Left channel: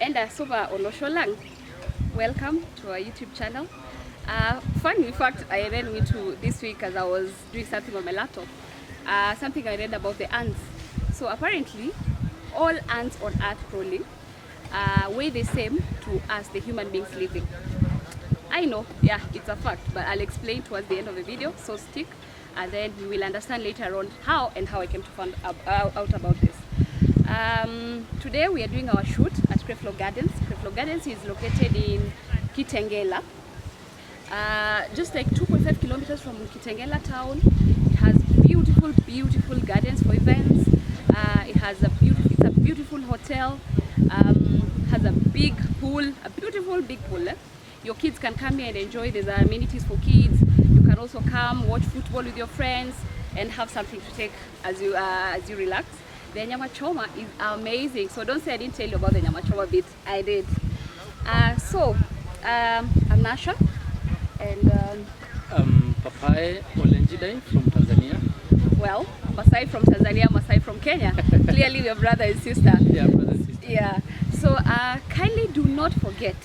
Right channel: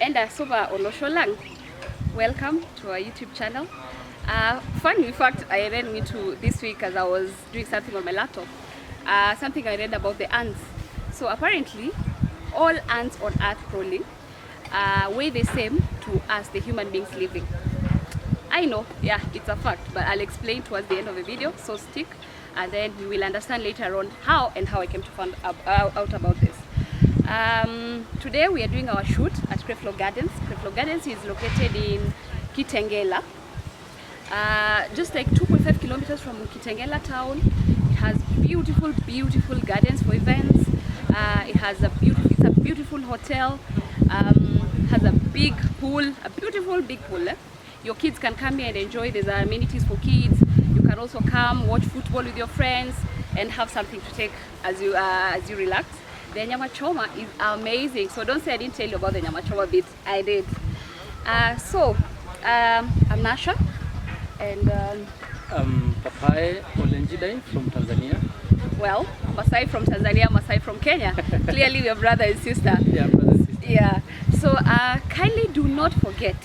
Enda Soba Olosholang. Welcome to our YouTube channel. Funny fact, I read into this week as I was doing something on my laptop. Something I read about the ants. So apparently, all ants on Earth crawling weigh the same to us, the human beings living. I know, yeah, it's a fact, but I'll explain towards the end of the video, so stick, and then you will understand later on how I came to find out about this. Today we are doing our shoot at Creflo Gardens. Creflo Gardens is located in Kitengela, just like 2.5 kilometers from Kitengela town. It has beautiful gardens for events. It's a beautiful hotel. Has a big pool, a beautiful big pool. Your kids can come here and enjoy. There's amenities for kids. You can also come watch football with your friends and have something to take as you relax. The nyama choma is amazing. So don't say I didn't tell you about the nyama choma bit. I did. I'm Nasha, and Papai Olenjidai from Tanzania. Well, Maasai from Tanzania, Maasai from Kenya. Clearly we are brother and sister. Yeah, brother and sister. Yeah. So kindly do not forget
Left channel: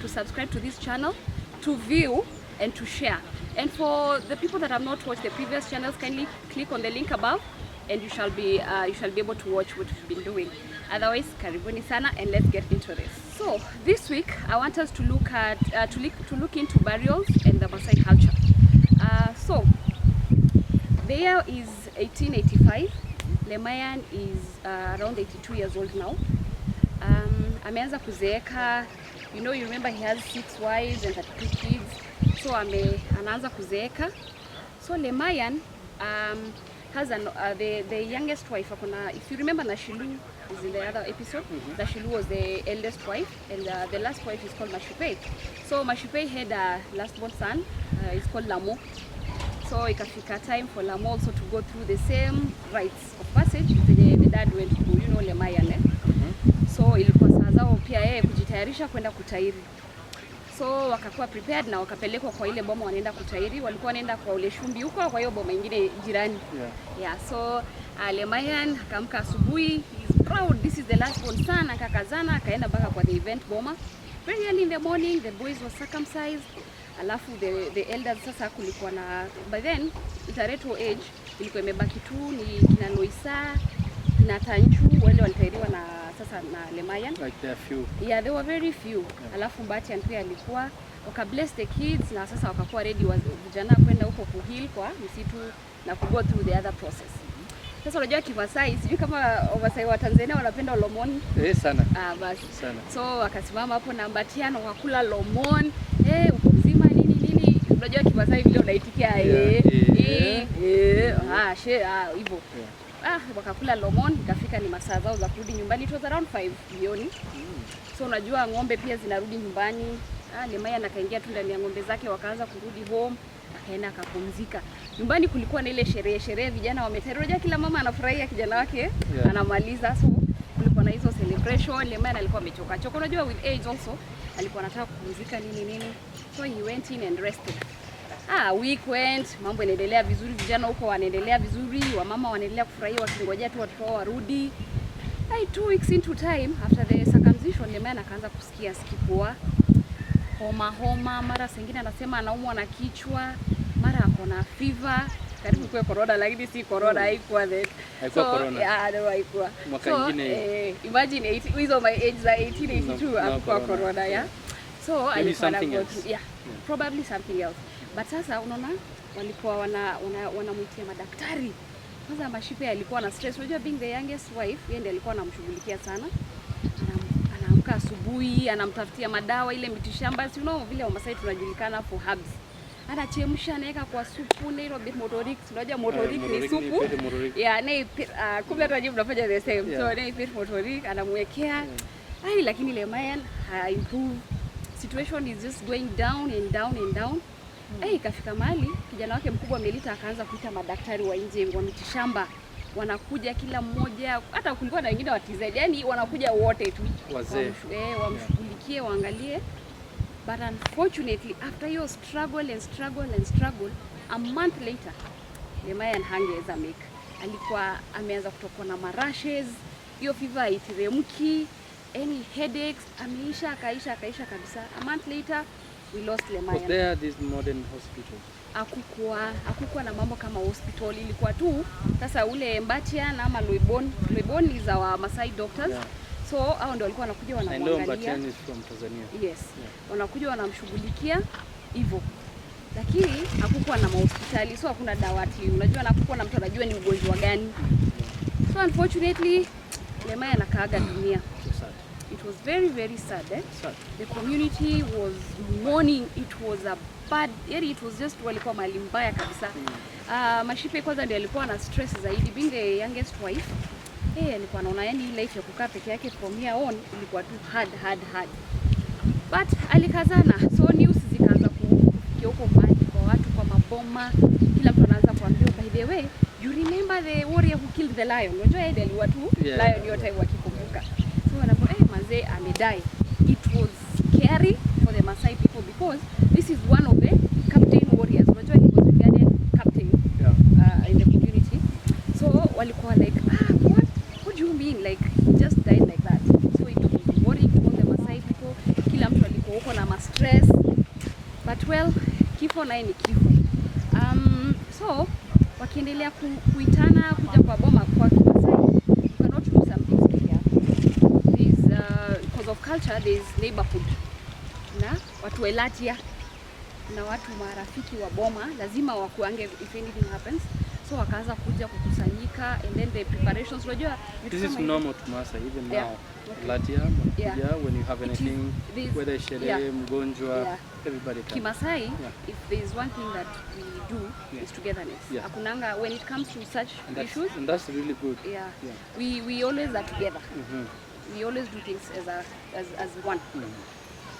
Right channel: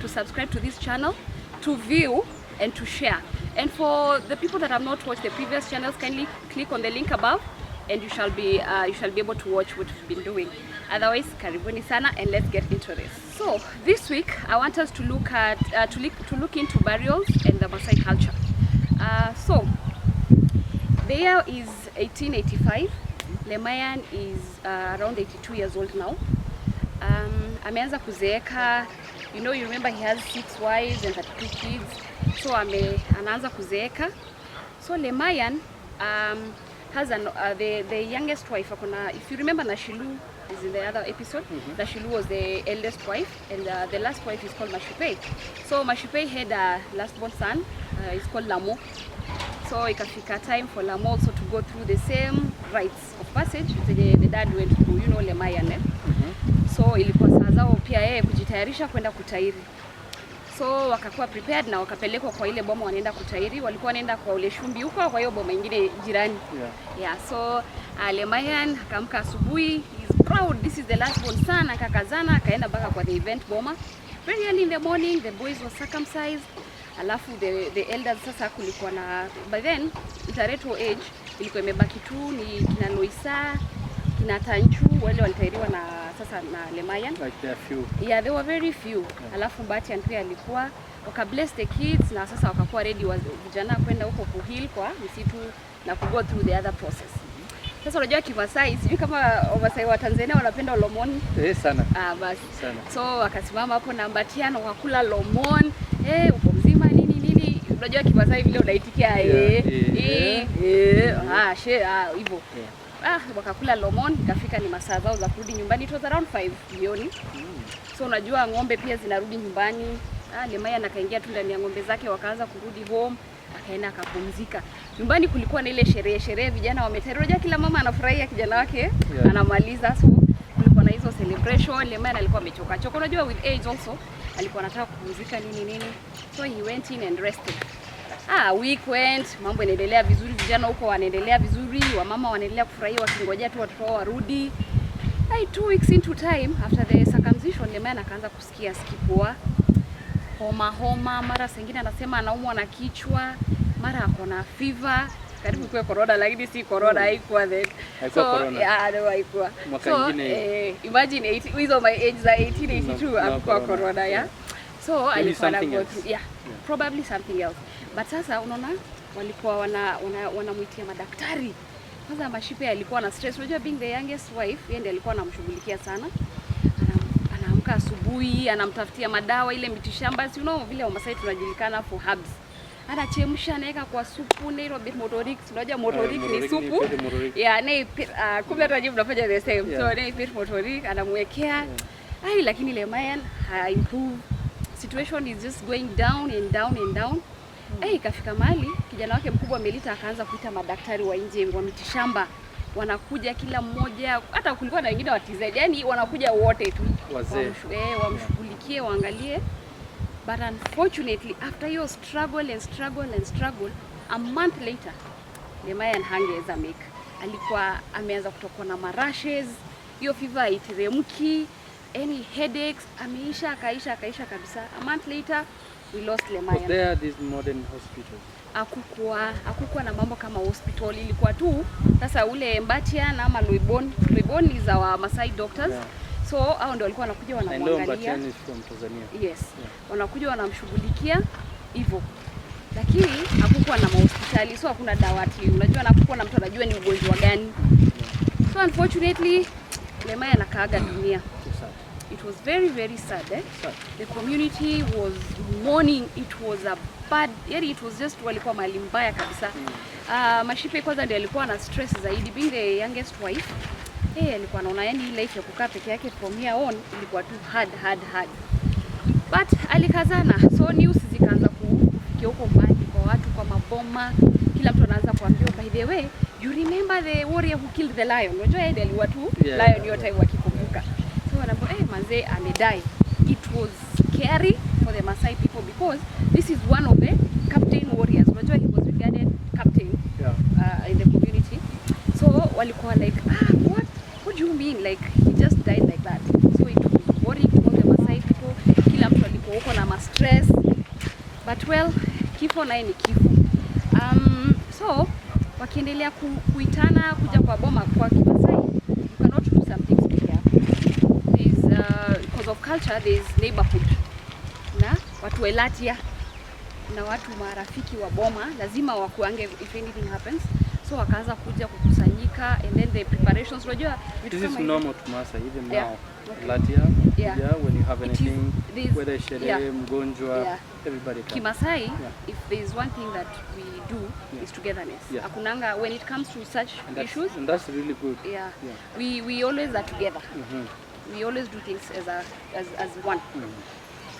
to subscribe to this channel, to view and to share. And for the people that have not watched the previous channels, kindly click on the link above and you shall be able to watch what we've been doing. Otherwise, karibuni sana, and let's get into this. So this week I want us to look at to look into burials and the Maasai culture. So the year is 1885. Lemayan is around 82 years old now. Ameanza kuzeeka. You remember he has 6 wives and 32 kids. So anaanza kuzeeka. So Lemayan has the youngest wife. If you remember, Nashilu is in the other episode. Nashilu was the eldest wife, and the last wife is called Mashipe. So Mashipe had a last-born son. It's called Lamo. So ikafika time for Lamo also to go through the same rites of passage the dad went through, Lemayan. So ilikuwa saa zao pia yeye kujitayarisha kwenda kutairi. So wakakuwa prepared na wakapelekwa kwa ile boma wanaenda kutairi. Walikuwa wanaenda kwa ule shumbi huko, kwa hiyo boma nyingine jirani. Yeah, so Lemayan akamka asubuhi. He's proud, this is the last born son. Akakazana akaenda mpaka kwa the event boma. Very early in the morning the boys were circumcised. Alafu the elders sasa kulikuwa na, by then itareto age ilikuwa imebaki tu ni kina Loisa, kina Tanchu, wale walitairiwa na Lemayan. Like there are few. Yeah, there were very few. Yeah. Alafu Mbati pia alikuwa bless the kids na sasa wakakuwa ready vijana kwenda huko kuheal kwa msitu na go through the other process. Sasa unajua Kimasai, sijui kama Wamasai wa Tanzania wanapenda lomon. Sana. Basi. Sana. So wakasimama hapo na Mbatiano wakakula lomon. Uko mzima nini. Unajua Kimasai vile unaitikia hivyo. Wakakula lomon, ikafika ni masaa zao za kurudi nyumbani. It was around 5 jioni. So unajua ng'ombe pia zinarudi nyumbani. Lemayan akaingia tu ndani ya ng'ombe zake, wakaanza kurudi home. Akaenda akapumzika. Nyumbani kulikuwa na ile sherehe vijana wametairiwa, kila mama anafurahia kijana wake anamaliza. So kulikuwa na hizo celebration. Lemayan alikuwa amechoka. Unajua with age also alikuwa anataka kupumzika nini. So he went in and rested. Week went, mambo yanaendelea vizuri, vijana huko wanaendelea vizuri, wamama wanaendelea kufurahia wakingojea tu watoto wao warudi. 2 weeks into time after the circumcision, Lemayan akaanza kusikia skipua, homa, mara sengine anasema anaumwa na kichwa, mara ako na fever. Karibu kwa corona, lakini si corona, haikuwa then. Haikuwa corona. Haikuwa. Mwaka mwingine. Imagine hizo my age za 1882 hakuwa corona, yeah. So alikuwa na go through, probably something else. But sasa unaona walikuwa wanamuitia madaktari. Kwanza Mashipe alikuwa na stress. Unajua being the youngest wife, yeye ndiye alikuwa anamshughulikia sana. Anaamka asubuhi, anamtafutia madawa ile mitishamba. Vile Wamasai tunajulikana for herbs. Anachemsha, anaweka kwa supu, na ile bit motorik. Unajua motorik ni supu. Yeah, kumbe hata nyinyi mnafanya the same. So na bit motorik anamwekea. Lakini Lemayan improve. Situation is just going down and down. Ikafika mahali kijana wake mkubwa Melita akaanza kuita madaktari wa nje wa mitishamba. Wanakuja kila mmoja, hata kulikuwa na wengine wa TZ. Yaani wanakuja wote tu. Wazee. Wamshughulikie, waangalie. But unfortunately after your struggle, a month later Lemayan hangeweza make. Alikuwa ameanza kutokwa na marashes, hiyo fever itiremki, any headaches, ameisha akaisha kabisa. A month later we lost Lemayan. Was there these modern hospitals? Hakukuwa na mambo kama hospital, ilikuwa tu sasa ule Mbatia na ama Loibon is our Maasai doctors. Yeah. So hao ndio walikuwa wanakuja wanamwangalia. Mbatia is from Tanzania. Yes. Yeah. Wanakuja wanamshughulikia hivyo. Lakini hakukuwa na hospitali, so hakuna dawati. Unajua hakukuwa na mtu anajua ni ugonjwa gani. Yeah. So unfortunately Lemayan akaaga dunia. It was very, very sad, eh? Sad. The community was mourning. It was a bad, it was just walikuwa mahali mbaya kabisa. Mashipe kwanza ndiye alikuwa na stress zaidi, being the youngest wife. Alikuwa anaona yani life ya kukaa peke yake from here on ilikuwa tu hard. But alikazana, so news zikaanza kufikia huko mbali kwa watu, kwa maboma. Kila mtu anaanza kuambiwa, by the way, you remember the warrior who killed the lion? Unajua yeye aliua tu lion yote wakikumbuka. So wanaambia manze amedai. It was scary for the Maasai people because this is one of the captain warriors. Unajua he was regarded captain in the community. So walikuwa like, what do you mean? Like he just died like that. So it was worrying to all the Maasai people. Kila mtu alikuwa huko na stress. But well, kifo naye ni kifo. So wakiendelea kuitana kuja kwa boma kwa Kimasai, you cannot do some things here. Because of culture, there is neighborhood. Na watu elatia na watu marafiki wa boma lazima wakuange if anything happens. So wakaanza kuja kukusanyika, and then the preparations, unajua this is normal to Maasai even now. Okay. Latia, when you have anything, whether sherehe, mgonjwa, everybody comes. Kimasai, if there is one thing that we do is togetherness. Akunanga when it comes to such issues, and that's really good. We always are together. We always do things as one.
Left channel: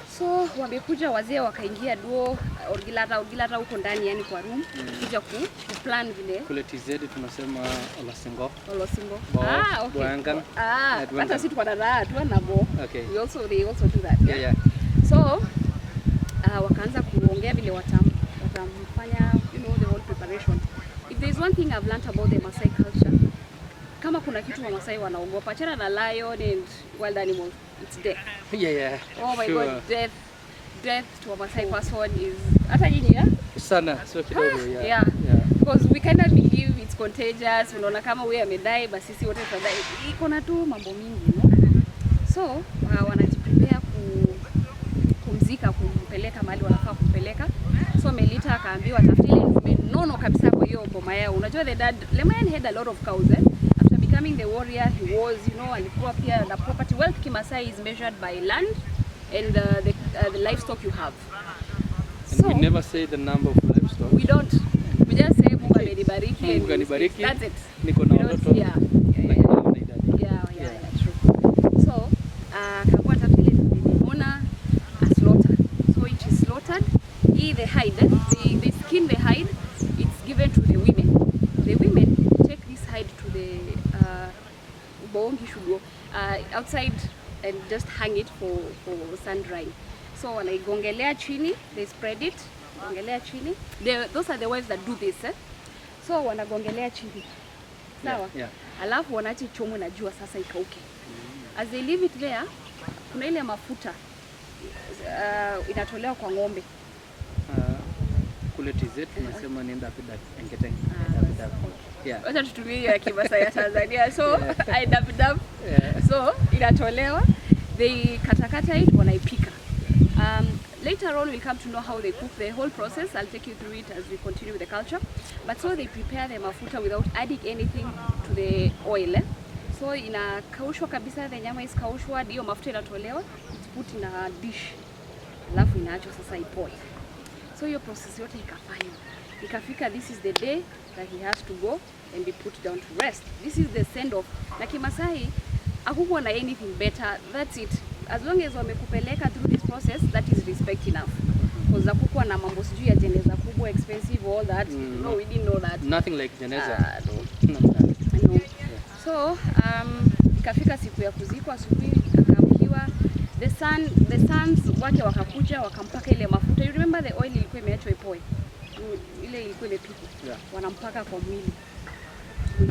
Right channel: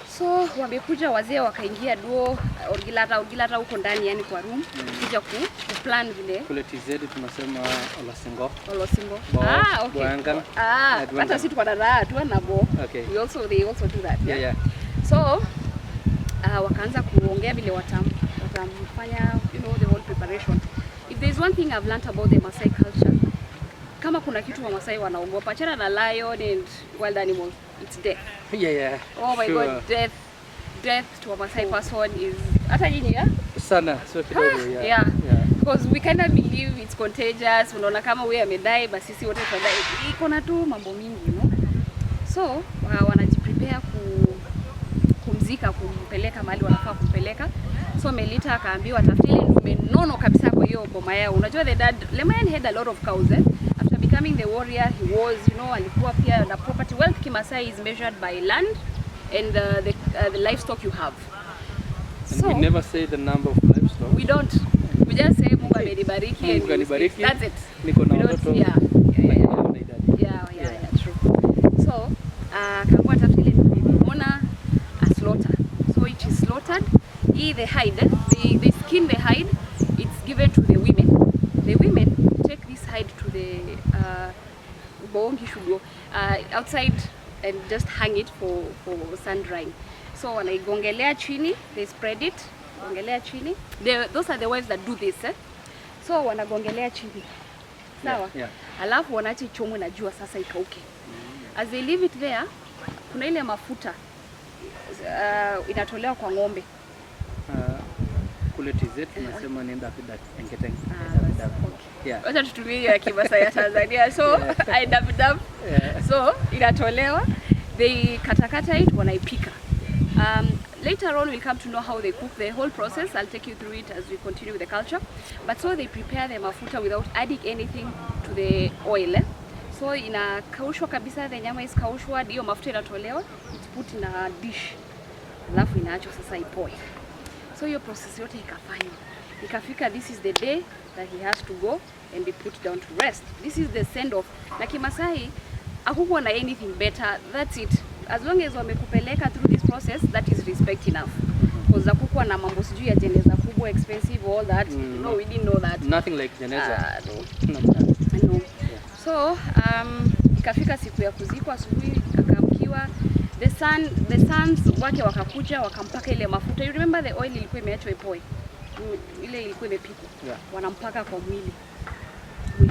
So wamekuja wazee wakaingia duo orgilata huko ndani, yani kwa room, kuja kuplan vile. Kule TZ tunasema Olosingo. Okay. Hata sisi tuko na raha tu na bo. Okay. They also do that. Yeah. So wakaanza kuongea vile watamfanya, the whole preparation. If there is one thing I've learned about the Maasai culture, kama kuna kitu wa Maasai wanaogopa, achana na lion and wild animals, it's death. Oh my God, death to a Maasai person is hata nyinyi sana, so kidogo because we kind of believe it's contagious. Unaona kama wewe amedai basi sisi wote tutadai. Iko na tu mambo mingi, So wanajiprepare kumzika, kumpeleka mahali wanafaa kumpeleka. So Melita akaambiwa tafutili ndume nono kabisa kwa hiyo boma yao. Unajua the dad Lemayan had a lot of cows. After becoming the warrior, he was, alikuwa pia na property. Wealth Kimasai is measured by land and the livestock you have. And we never say the number of livestock. We don't. We just say Mungu amenibariki and that's it. Niko na watoto. Yeah, true. So akaambiwa tafutili ndume nono slaughter. So it is slaughtered. The hide, they skin the hide. It's given to the women. The women take this hide to the boongi shugo outside and just hang it for sun drying. So wanaigongelea chini, they spread it, gongelea chini. Those are the wives that do this. So wanagongelea chini. Sawa? Alafu wanaacha ichomwe na jua sasa ikauke. As they leave it there, kuna ile mafuta inatolewa kwa ng'ombe. Kule TZ tunasema ni dapidak enketeng. Wacha tutumie ya Kimasai ya Tanzania. So dapidak. So inatolewa, they katakata it, wanaipika. Later on we'll come to know how they cook the whole process. I'll take you through it as we continue with the culture. But so they prepare the mafuta without adding anything to the oil. So inakaushwa kabisa, the nyama is kaushwa, hiyo mafuta inatolewa, it's put in a dish. Alafu inaachwa sasa ipoe. So hiyo process yote ikafanywa. Ikafika, this is the day that he has to go and be put down to rest. This is the send off. Na Kimasai hakukuwa na anything better. That's it. As long as wamekupeleka through this process, that is respect enough. Because hakukuwa na mambo sijui ya jeneza kubwa, expensive, all that. No, we didn't know that. Nothing like jeneza. No. So ikafika siku ya kuzikwa, asubuhi akaamkiwa. The sons wake wakakuja wakampaka ile mafuta. You remember the oil ilikuwa imeachwa ipoe. Ile ilikuwa imepikwa. Wanampaka kwa mwili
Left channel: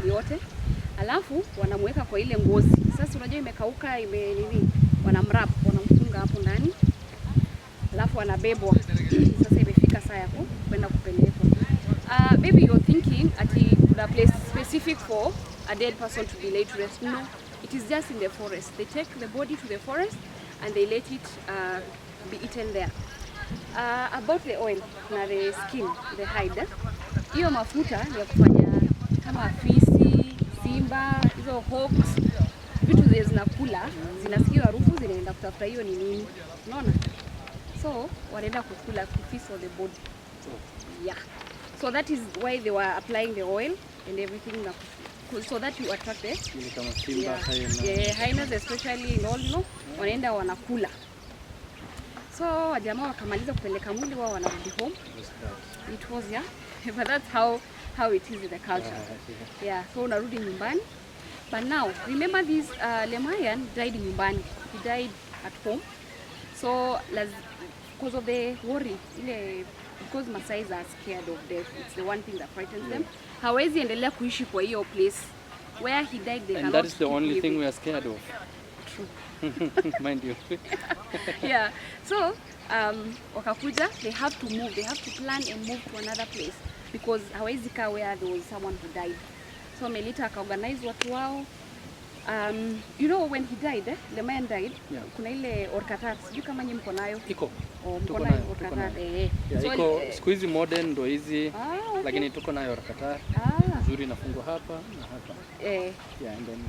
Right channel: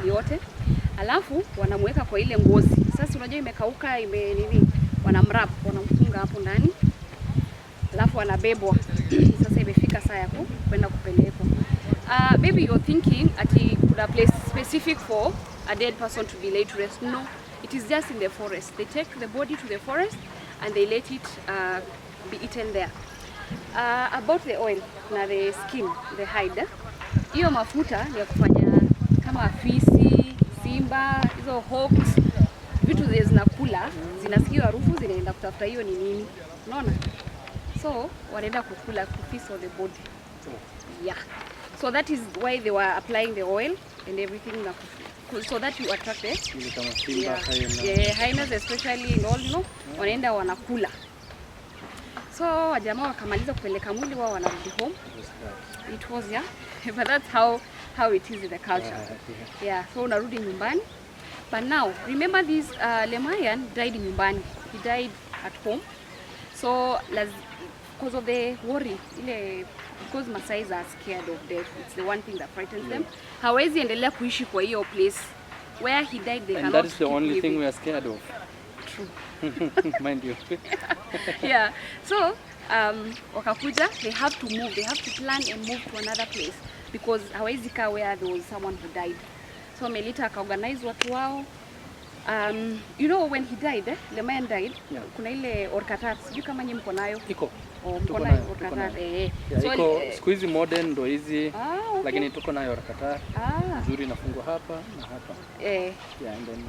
yote. Alafu wanamweka kwa ile ngozi. Sasa unajua imekauka, wanamrap, wanamfunga hapo ndani. Alafu anabebwa. Sasa imefika saa ya kwenda kupelekwa. Maybe you're thinking ati kuna place specific for a dead person to be laid to rest. No, it is just in the forest. They take the body to the forest and they let it be eaten there. About the oil na the skin, the hide. Hiyo mafuta ni ya kufanya kama fisi, simba, hizo hawks, vitu zile zinakula, zinasikia harufu, zinaenda kutafuta hiyo ni nini. Unaona? So, wanaenda kukula kufeast on the body. Yeah. So that is why they were applying the oil and everything so that you attract the hyenas especially and all, you know, wanaenda wanakula. So wajamaa wakamaliza kupeleka mwili wao wanarudi home. It was, yeah. But that's how it is in the culture. Yeah, so unarudi nyumbani. But now, remember this Lemayan died nyumbani. He died at home. So because of the worry, because Maasai are scared of death, it's the one thing that frightens them. Hawezi endelea kuishi kwa hiyo place where he died. They and that is the only thing we are scared of. True. Mind you. Yeah. So wakakuja, they have to move. They have to plan and move to another place because hawezi kaa where there was someone who died. So Melita akaorganize watu wao. You know when he died, the man died, kuna ile orkatat, sijui kama nyinyi mko nayo. Iko. Mko nayo orkatat. So iko siku hizi modern ndo hizi, lakini tuko nayo orkatat. Nzuri inafungwa hapa na hapa. And then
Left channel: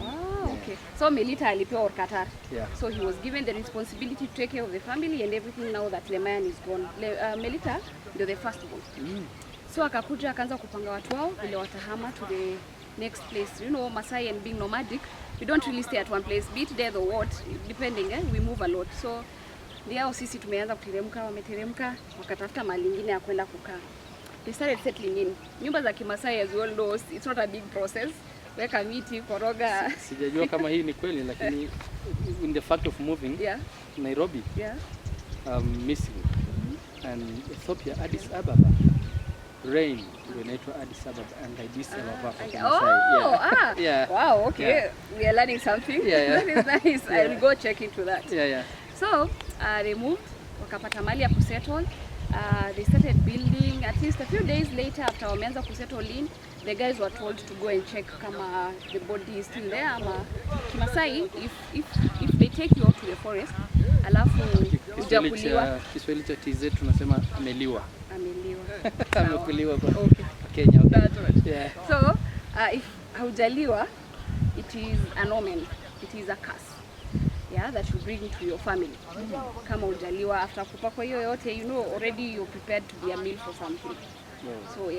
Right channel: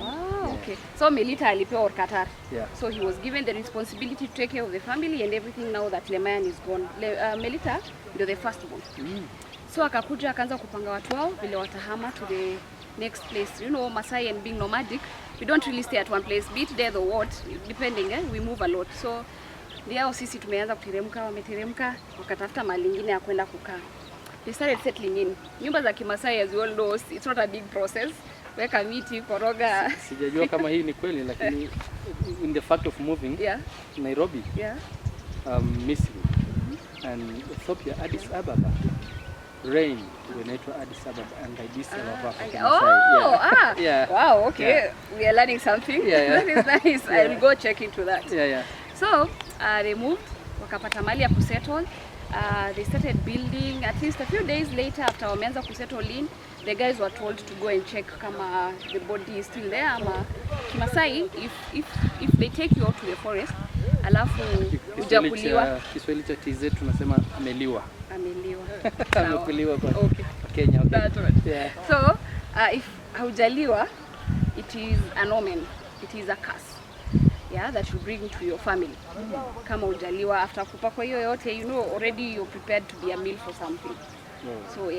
okay. So Melita alipewa orkatat. Yeah. So he was given the responsibility to take care of the family and everything now that Lemayan is gone. Melita ndio the first born. So akakuja akaanza kupanga watu wao vile watahama to the next place. You know, Maasai and being nomadic, we don't really stay at one place, be it death or what, depending, we move a lot. So ndio sisi tumeanza kuteremka, wameteremka, wakatafuta mahali nyingine ya kwenda kukaa. They started settling in. Nyumba za Kimasai, as you all know, it's not a big process. Weka miti, koroga. Sijajua kama hii ni kweli, lakini in the fact of moving, Nairobi, Misri, and Ethiopia, Addis Ababa, rain, inaitwa Addis Ababa and Addis Ababa. Wow, okay. We are learning something. That is nice. I will go check into that. So they moved, wakapata mali ya kusettle. They started building. At least a few days later, after wameanza kusettle in, the guys were told to go and check kama the body is still there. Ama Kimasai, if they take you out to the forest, alafu ujakuliwa. Kiswahili cha TZ tunasema ameliwa. Amekuliwa kwa Kenya. That's right. So if haujaliwa, it is an omen. It is a curse. That you bring to your family. Kama hujaliwa after kupakwa hiyo yote, you know already you're prepared to be a meal for something. So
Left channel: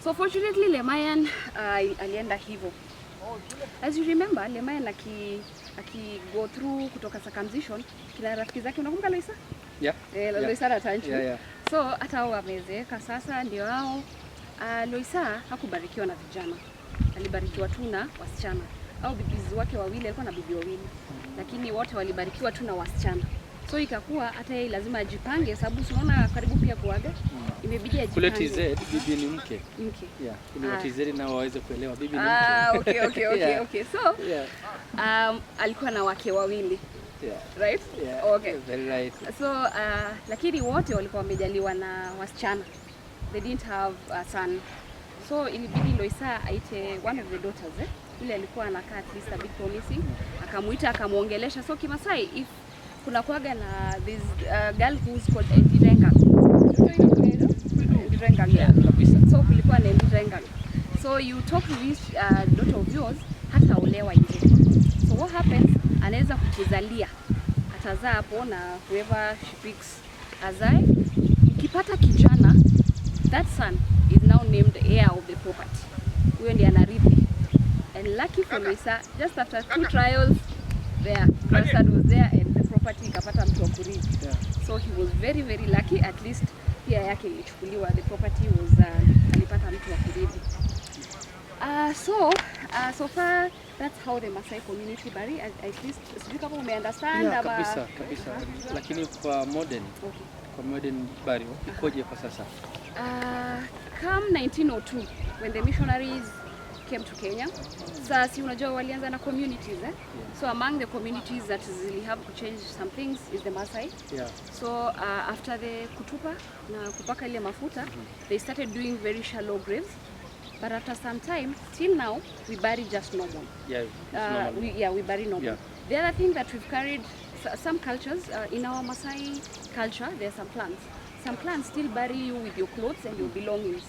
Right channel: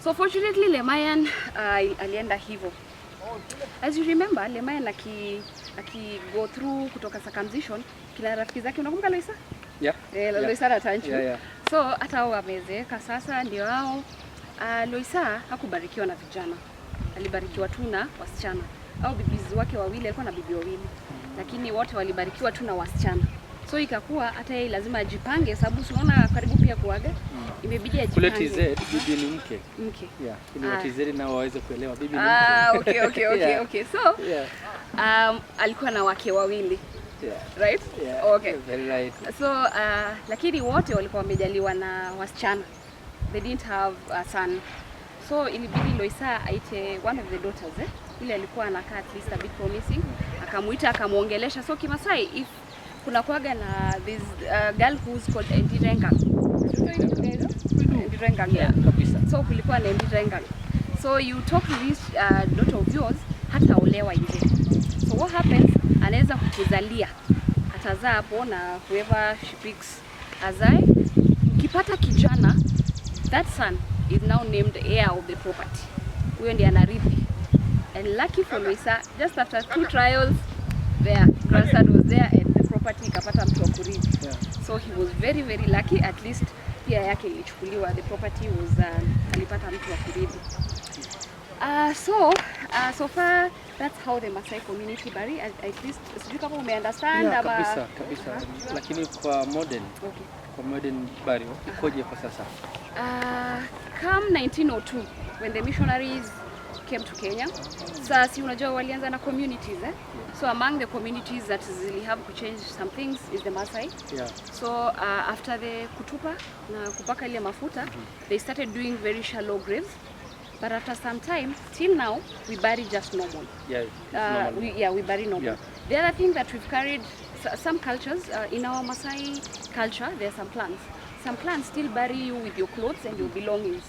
So fortunately Lemayan alienda hivyo. As you remember, Lemayan aki go through kutoka circumcision, kila rafiki zake unakumbuka Loisa? Loisa na Tanchu. So hata wamezeeka sasa ndio hao. Loisa hakubarikiwa na vijana. Alibarikiwa tu na wasichana. Au bibizi wake wawili, alikuwa na bibi wawili. Lakini wote walibarikiwa tu na wasichana. So ikakuwa hata yeye lazima ajipange sababu unaona karibu pia kuaga. Imebidi ajipange. Kule TZ bibi ni mke. Ili wa TZ nao waweze kuelewa bibi ni mke. Okay. So alikuwa na wake wawili. Right? Okay. Very right. So lakini wote walikuwa wamejaliwa na wasichana. They didn't have a son. So ilibidi Loisa aite one of the daughters, ile alikuwa anakaa at least a bit promising, akamuita akamuongelesha. So Kimasai, if kuna kuaga na this girl who's called Ndirenga. Ndirenga, kabisa. So kulikuwa na Ndirenga. So you talk to this daughter of yours, hata olewa nje. So what happens, anaweza kukuzalia, atazaa hapo na whoever she picks azae. Ukipata kijana, that son is now named heir of the property. Huyo ndiye anarithi. And lucky for Loisa, just after 2 trials, their grandson was there and the property ikapata mtu wa kurithi. So he was very very lucky, at least pia yake ilichukuliwa, the property was alipata mtu wa kurithi. So far that's how the Maasai community bury, at least sijui kama umeunderstand ama kabisa. Lakini kwa modern kwa modern burial ikoje kwa sasa? Come 1902 when the missionaries came to Kenya. Sasa si unajua walianza na communities So among the communities that really have to change some things is the Maasai. So after the kutupa na kupaka ile mafuta, they started doing very shallow graves. But after some time, till now, we bury just normal. We bury normal. The other thing that we've carried, some cultures, in our Maasai culture, there are some clans. Some clans still bury you with your clothes and your belongings.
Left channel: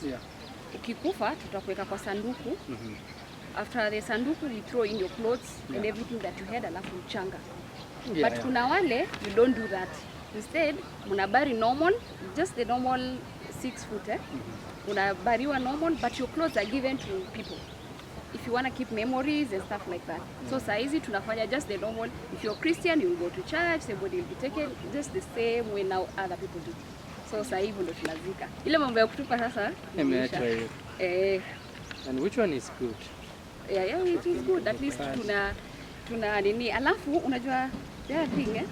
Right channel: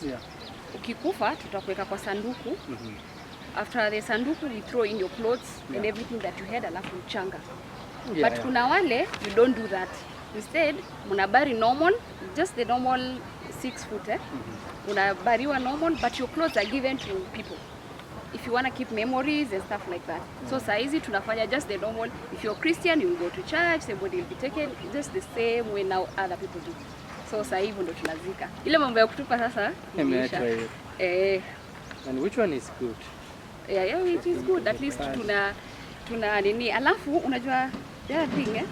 Ukikufa, tutakuweka kwa sanduku. After the sanduku, we throw in your clothes and everything that you had, alafu mchanga. But kuna wale, you don't do that. Instead, munabari normal, just the normal 6 foot. Unabariwa normal, but your clothes are given to people. If you want to keep memories and stuff like that. So saizi tunafanya just the normal. If you're Christian, you will go to church, somebody will be taken just the same way now other people do. So sasa hivyo ndo tunazika. Ile mambo ya kutupa sasa imeacha. And which one is good? Yeah, it is good. At least tuna nini. Alafu unajua the other thing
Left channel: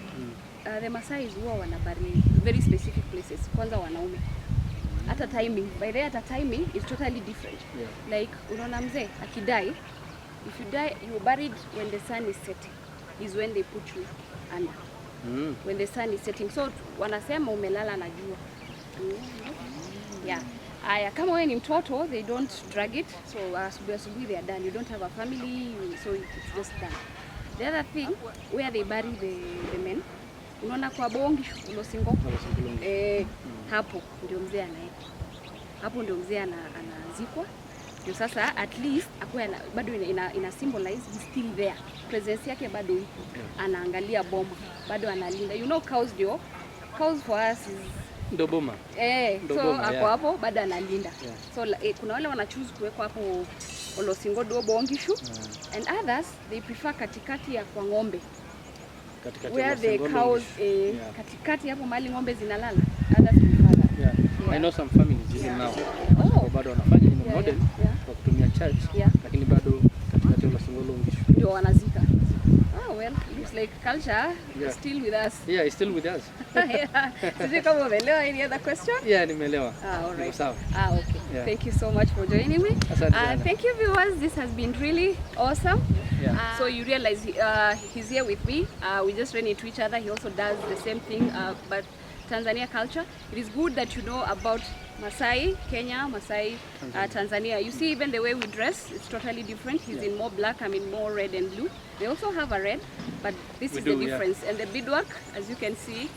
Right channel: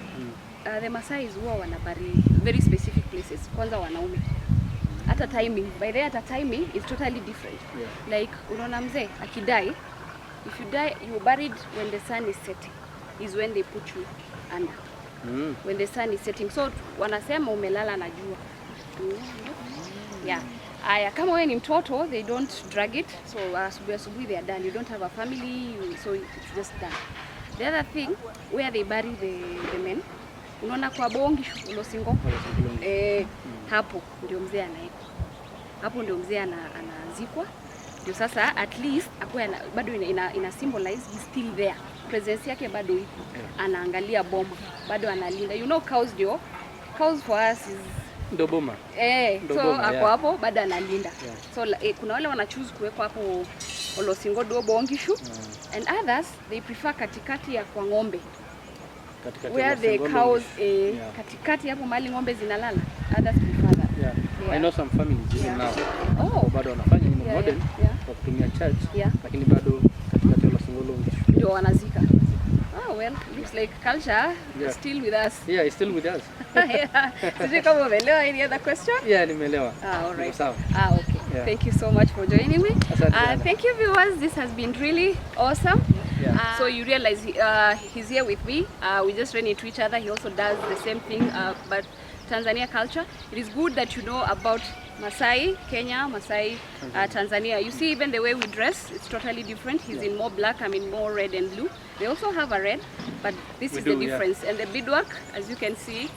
the Maasai huwa wanabari very specific places. Kwanza wanaume. Hata timing, by the hata timing is totally different. Like unaona mzee akidai, if you die you are buried when the sun is setting, is when they put you under. When the sun is setting, so wanasema umelala na jua. Aya, kama wewe ni mtoto, they don't drag it, so asubuhi they are done. You don't have a family, so it's just done. The other thing, where they bury the men, unaona kwa bongi ulosingo, hapo ndio mzee anaekwa. Hapo ndio mzee anazikwa. Ndio sasa at least akue bado ina symbolize he's still there. Presence yake bado iko. Anaangalia boma, bado analinda. You know cows for us is ndo boma. So hapo hapo bado analinda. So kuna wale wana choose kuwekwa hapo olosingo do bongishu and others they prefer katikati ya kwa ng'ombe. Where the cows katikati hapo mali ng'ombe zinalala. Others prefer that. I know some families even now. Bado wanafanya in modern kwa kutumia church lakini bado katikati ya olosingo longishu. Ndio wanazika. Well, looks like culture is still with us. Yeah, it's still with us. Did you come over? Any other question? Yeah, nimeelewa. All right. Okay. Thank you so much for joining me. Thank you viewers. This has been really awesome. So you realize he's here with me. We just ran into each other. He also does the same thing, but Tanzania culture. It is good that you know about Maasai, Kenya, Maasai, Tanzania. You see even the way we dress, it's totally different. He's in more black, I'm in more red and blue. They also have a red, but this is the difference. And the beadwork, as you can see,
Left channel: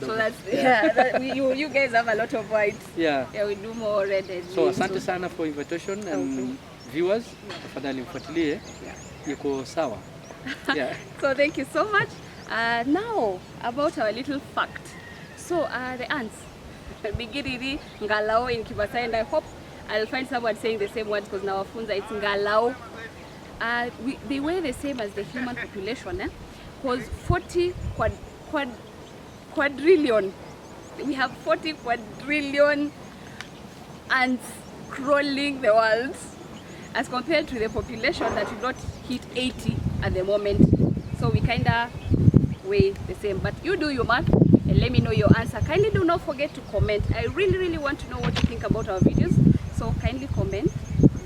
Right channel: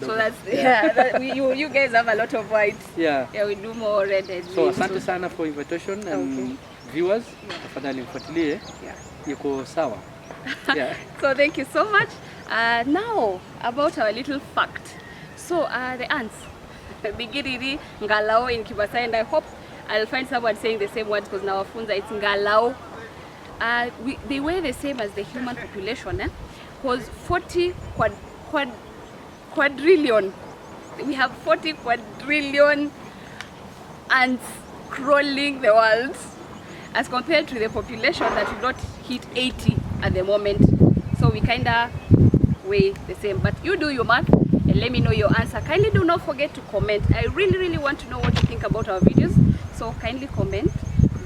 so that's you guys have a lot of white. We do more red and so asante sana for invitation and viewers, tafadhali mfuatilie. Yuko sawa. So thank you so much. Now about our little fact. So the ants, bigiriri, ngalao in Kibasai, and I hope I'll find someone saying the same words because now funza it's ngalao. They weigh the same as the human population, because 40 quadrillion. We have 40 quadrillion ants crawling the world, as compared to the population that will not hit 80 at the moment. So we kinda weigh the same. But you do your math and let me know your answer. Kindly do not forget to comment. I really want to know what you think about our videos. So kindly comment,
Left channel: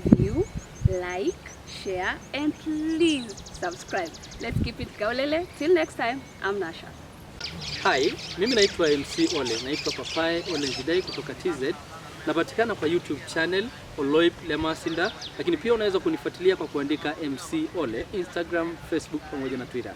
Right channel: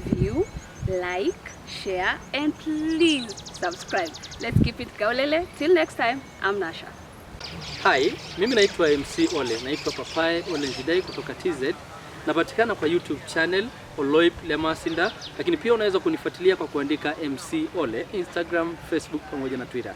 view, like, share, and please subscribe. Let's keep it Nkaulele. Till next time, I'm Nasha. Hi, mimi naitwa MC Ole. Naitwa Papaye Ole Njidai kutoka TZ. Napatikana kwa YouTube channel Oloip Lemasinda, lakini pia unaweza kunifuatilia kwa kuandika MC Ole, Instagram, Facebook pamoja na Twitter.